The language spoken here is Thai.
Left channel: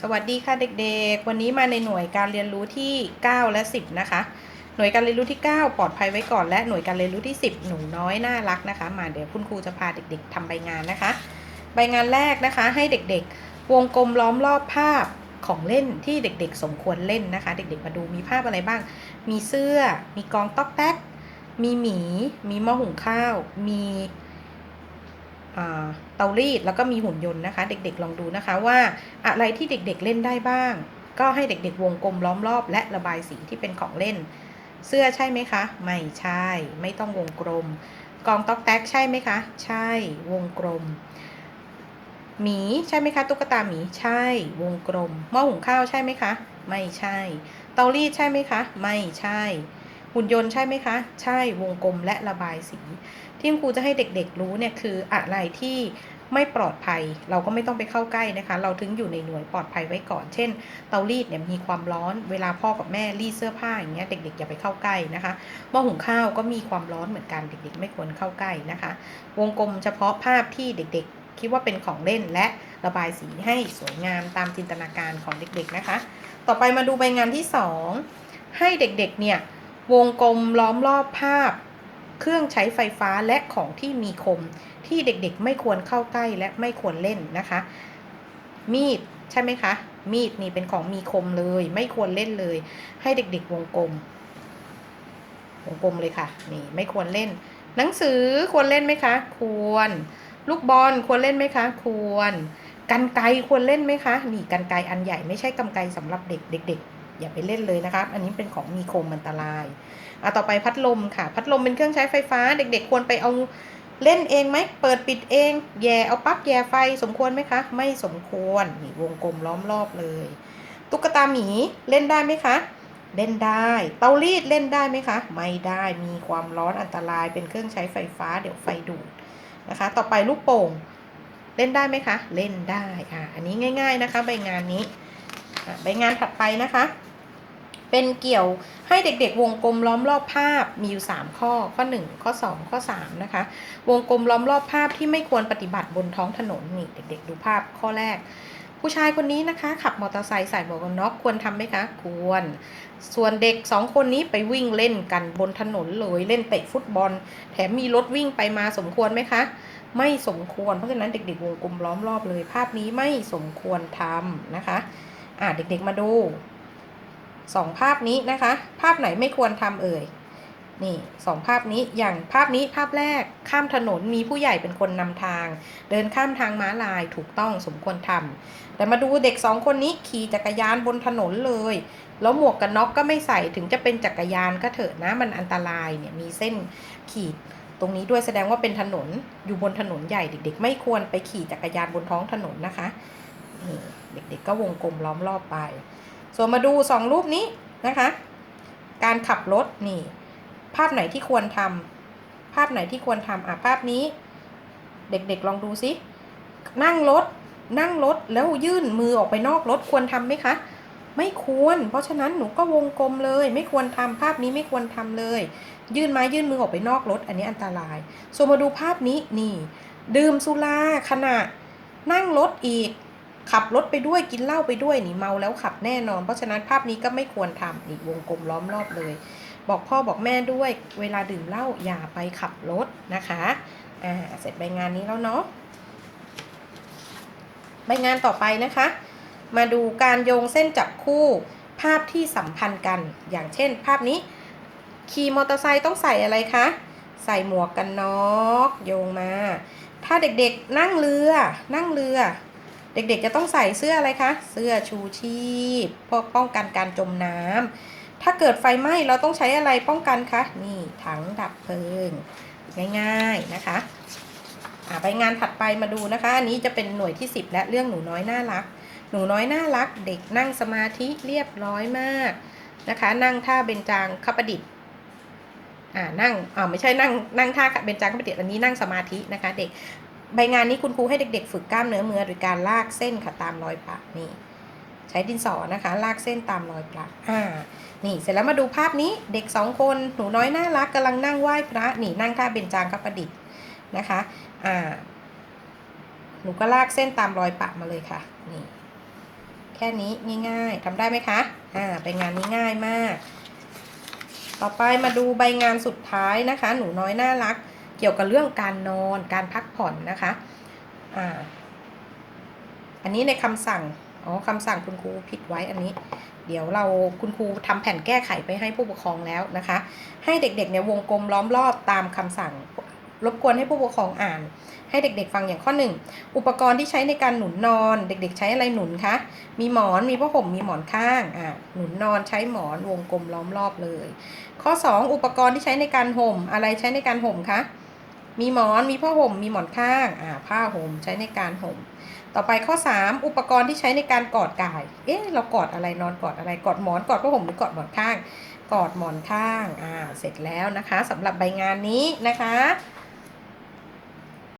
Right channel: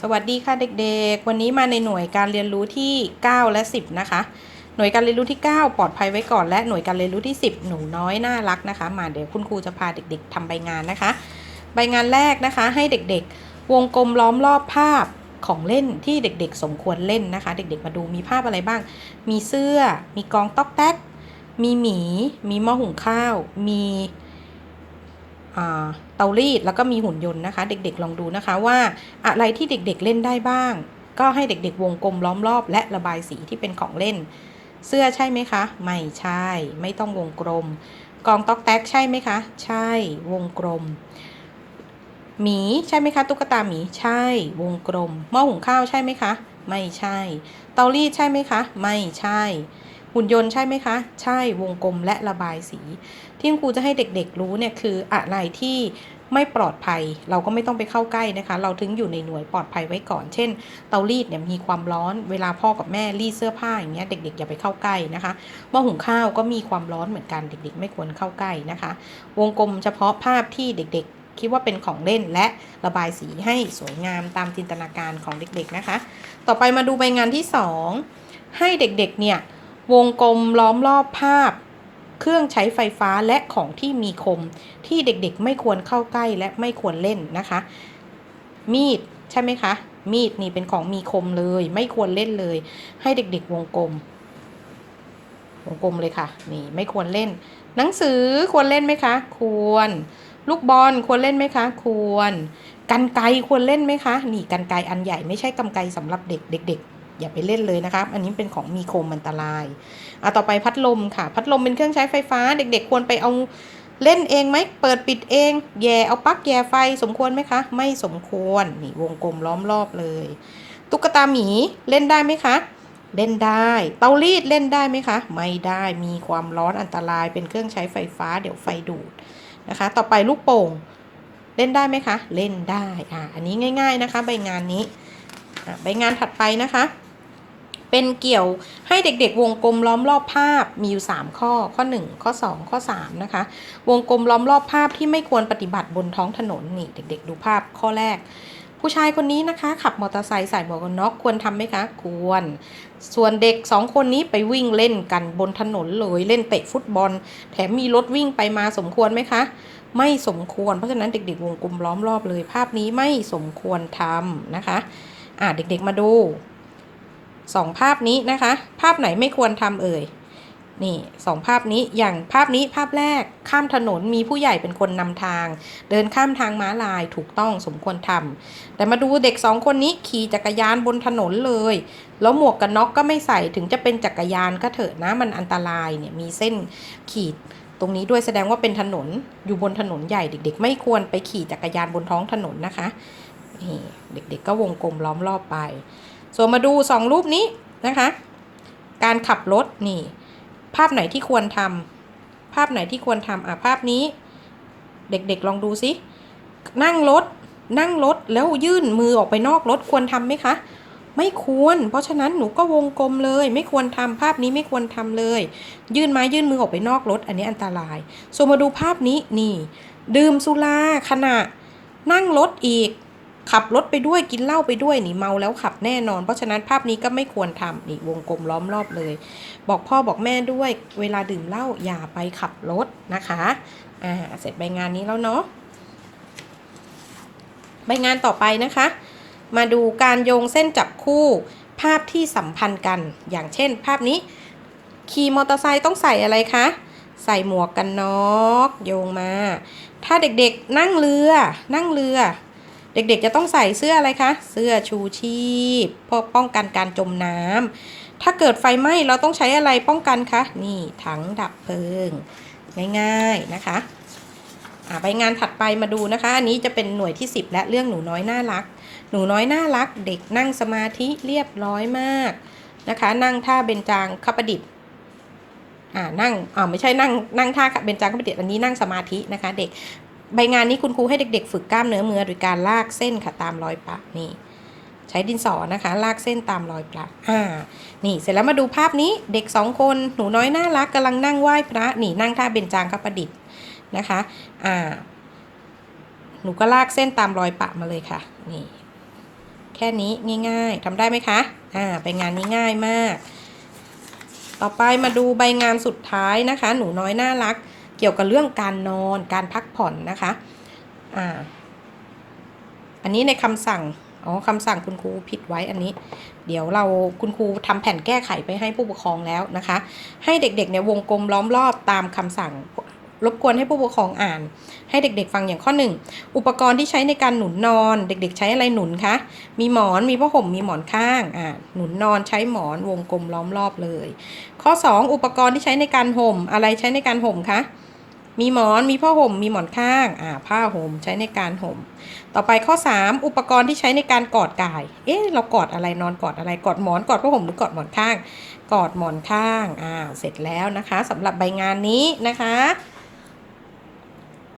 สวัสดีค่ะเด็กๆ วันนี้มาในหน่วยการเรียนรู้ที่ 9 และ 10 นะคะ หน่วยการเรียนรู้ที่ 9 ปลอดภัยไว้ก่อนและหน่วยการเรียนรู้ที่ 10 หนูน้อยน่ารักนะคะ มาเดี๋ยวคุณครูจะพาเด็กๆทำใบงานนะคะ ใบงานแรกนะคะให้เด็กๆ วงกลมล้อมรอบภาพของเล่นที่เด็กๆ สมควรเล่นนะคะ เด็กๆ มาดูมีภาพอะไรบ้าง มีเสื้อ มีกองต๊อกแต๊ก มีหมี มีหม้อหุงข้าว มี เตารีดแล้วก็มีหุ่นยนต์นะคะ เด็กๆลองดูนะคะว่าอะไรที่เด็กๆเล่นได้บ้าง ก็ให้เด็กๆ วงกลมล้อมรอบ และระบายสีที่เป็นของเล่น เสื้อใช่ไหมคะ ไม่ใช่ ไม่ต้องวงกลมกองต๊อกแต๊กใช่ไหมคะ ใช่วงกลมหมีใช่ไหมคะ ตุ๊กตาหมีใช่ วงกลมหม้อหุงข้าวใช่ไหมคะ ไม่ใช่ เตารีดใช่ไหมคะ ไม่ใช่ หุ่นยนต์ใช่ไหมคะ ใช่วงกลมและระบายสี ที่ครูจะให้เด็กๆรู้เนี่ยคืออะไรที่ไม่ปลอดภัย เราก็ไม่ต้องไปเข้าใกล้นะคะ เราถึงอยู่ในหน่วยปลอดภัยไว้ก่อน เช่น เตารีดเนี่ยมีความร้อนเวลาพ่อกับแม่รีดเสื้อผ้าอย่างเงี้ยเด็กๆอย่าไปเข้าใกล้นะคะหม้อหุงข้าวก็มีความร้อนเหมือนกันเด็ก ๆ ไม่ควรเข้าใกล้นะคะ วงกลมเฉพาะภาพที่เด็กๆคิดว่าเป็นของเล่นและระบายสีให้สวยงามตามจินตนาการของเด็กๆนะคะ ต่อไปมาดูใบงานที่ 2 ให้เด็กๆเนี่ย วงกลมล้อมรอบภาพ เครื่องใช้ไฟฟ้าและของที่มีคม ที่เด็กๆ ไม่ควรเข้าใกล้และไม่ควรเล่นนะคะ มีดใช่ไหมคะ มีดนี่เป็นของมีคมเลย ไม่ควรเล่นเลย ให้เด็กๆ วงกลม วงกลมเลยค่ะ นี่ไม่ควรเล่น หนังสือควรเล่นไหมคะ ควร ลูกบอลควรเล่นไหมคะ ควรกันไกควรเล่นไหมคะ นี่กันไกอันใหญ่ไม่ใช่กันไกรสำหรับเด็กเด็กๆ อย่าไปเล่นเลยนะคะอันนี้เป็นของมีคมอันตรายอะต่อไปพัดลมค่ะ พัดลมเป็นเครื่องใช้ไฟฟ้า เด็กๆ ควรไปเอาเล่นเองไหมเปิดปิดเอง แย่เอาปลั๊กแย่ไฟสมควรไหมคะ ไม่สมควรนี่วงกลมล้อมรอบเลย ตุ๊กตาหมีเล่นได้ไหมคะ เล่นได้ เตารีดเล่นได้ไหมคะ ไม่ได้มีความร้อนอันตรายเป็นเครื่องใช้ไฟฟ้าเดี๋ยวไฟดูดนะคะ ต่อไปลูกโป่งเล่นได้ไหมคะ เล่นได้ อ่า อันนี้ง่าย ๆนะคะ ใบงานนี้อะใบงานถัดไปนะคะ เป็นเกี่ยวให้เด็กๆ วงกลมล้อมรอบภาพมีอยู่ 3 ข้อข้อ 1 ข้อ 2 ข้อ 3 นะคะ วงกลมล้อมรอบภาพที่ไม่ควรปฏิบัติบนท้องถนนนี่เด็ก ๆ ดูภาพข้อแรก ผู้ชายคนนี้นะคะ ขับมอเตอร์ไซค์ใส่หมวกกันน็อกควรทำไหมคะ ควร ส่วนเด็ก 2 คนนี้ไปวิ่งเล่นกันบนถนนเลยเล่นเตะฟุตบอล แถมมีรถวิ่งไปมาสมควรไหมคะไม่สมควร เพราะฉะนั้นเด็ก ๆ วงกลมล้อมรอบเลย ภาพนี้ไม่สมควรทำนะคะ อ่าเด็ก ๆ มาดู สองภาพนี้นะคะ ภาพไหนไม่ควรทำเอ่ย นี่สองภาพนี้อย่างภาพนี้ภาพแรกข้ามถนนมีผู้ใหญ่เป็นคนนำทาง เดินข้ามทางม้าลายถูกต้องสมควรทำแต่มาดูเด็กสองคนนี้ขี่จักรยานบนถนนเลย แล้วหมวกกันน็อกก็ไม่ใส่ถึงจะเป็นจักรยานก็เถอะนะมันอันตรายเนี่ยมีเส้นขีดตรงนี้ด้วยแสดงว่าเป็นถนนอยู่บนถนนใหญ่เด็ก ๆ ไม่ควรไปขี่จักรยานบนท้องถนนนะคะนี่เด็กๆก็วงกลมล้อมรอบไป ส่วนมาดูสองรูปนี้นะคะ การขับรถนี่ ภาพไหนที่ควรทำภาพไหนที่ควรทำอะภาพนี้ เด็กๆลองดูสินั่งรถนั่งรถแล้วยื่นมือออกไปนอกรถควรทำไหมคะ ไม่ควร เพราะฉะนั้นหนูก็วงกลมเลย ไม่ควรทำภาพนี้ไม่ควรทำเลย ยื่นไม้ยื่นมือออกไปนอกรถ อันนี้อันตราย ส่วนมาดูภาพนี้นี่ ดื่มสุราขณะนั่งรถอีก ขับรถไปด้วยกินเหล้าไปด้วยนี่เมาแล้วขับแน่นอน เพราะฉะนั้นภาพนี้ก็ไม่ควรทำนี่วงกลมล้อมรอบเลย บอกพ่อบอกแม่ด้วย เวลาดื่มเหล้าอย่าไปขับรถนะคะอ่าเสร็จใบงานนี้แล้วเนาะใบงานต่อไปนะคะ มาดูการโยงเส้นจับคู่ภาพที่สัมพันธ์กัน อย่างเช่น ภาพนี้ขี่มอเตอร์ไซค์ต้องใส่อะไรคะ ใส่หมวกกันน็อกโยงมา ถ้าเด็กๆนั่งเรือนั่งเรือ เด็กๆจะต้องใส่เสื้ออะไรคะ เสื้อชูชีพเพื่อป้องกันการจมน้ำถ้าเกิดไฟไหม้เราต้องใช้อะไรป้องกันคะ นี่ถังดับเพลิง ง่ายๆนะคะไปงานถัดไปมาดูนะคะ อันนี้จะเป็นหน่วยที่ 10 และเรื่องหนูน้อยน่ารัก หนูน้อยน่ารัก เด็กนั่งสมาธิเรียบร้อยมากนะคะ นั่งท่าเบญจางคประดิษฐ์อ่านั่งอ่าไม่ใช่นั่งนั่งท่าเบญจางคประดิษฐ์อันนี้นั่งสมาธินะคะ เด็ก ใบงานนี้คุณครูให้เด็กๆ ฝึกกล้ามเนื้อมือโดยการลากเส้นค่ะตามรอยปะนี่ ใช้ดินสอนะคะ ลากเส้นตามรอยปะอ่า นี่เสร็จแล้วมาดูภาพนี้เด็กสองคนหนูน้อยน่ารักกำลังนั่งไหว้พระนี่นั่งท่าเบญจางคประดิษฐ์นะคะอ่าหนูก็ลากเส้นตามรอยปะมาเลยค่ะนี่แค่นี้ง่ายๆทำได้ไหมคะอ่าใบงานนี้ง่ายมาก ต่อไปมาดูใบงานสุดท้ายนะคะ หนูน้อยน่ารัก เกี่ยวกับเรื่องการนอนการพักผ่อนนะคะอ่าอันนี้ในคำสั่งอ๋อคำสั่งคุณครูผิดไว้อันนี้ เดี๋ยวเราคุณครูทำแผ่นแก้ไขไปให้ผู้ปกครองแล้วนะคะ ให้เด็กๆเนี่ยวงกลมล้อมรอบตามคำสั่งรบกวนให้ผู้ปกครองอ่าน ให้เด็กๆฟังอย่างข้อหนึ่งอุปกรณ์ที่ใช้ในการหนุนนอน เด็ก ๆ ใช้อะไรหนุนคะ มีหมอนมีผ้าห่มมีหมอนข้างอ่าหนุนนอนใช้หมอนวงกลมล้อมรอบเลย ข้อ 2 อุปกรณ์ที่ใช้ในการห่มอะไรใช้ในการห่มคะ มีหมอนมีผ้าห่มมีหมอนข้างอ่าผ้าห่มใช้ในการห่ม ต่อไปข้อ 3 อุปกรณ์ที่ใช้ในการกอดกาย เอ๊ะเรากอดอะไรนอนกอดอะไรกอดหมอนกอดผ้าห่มหรือกอดหมอนข้าง กอดหมอนข้างอ่าเสร็จแล้วนะคะสำหรับใบงานนี้นะคะ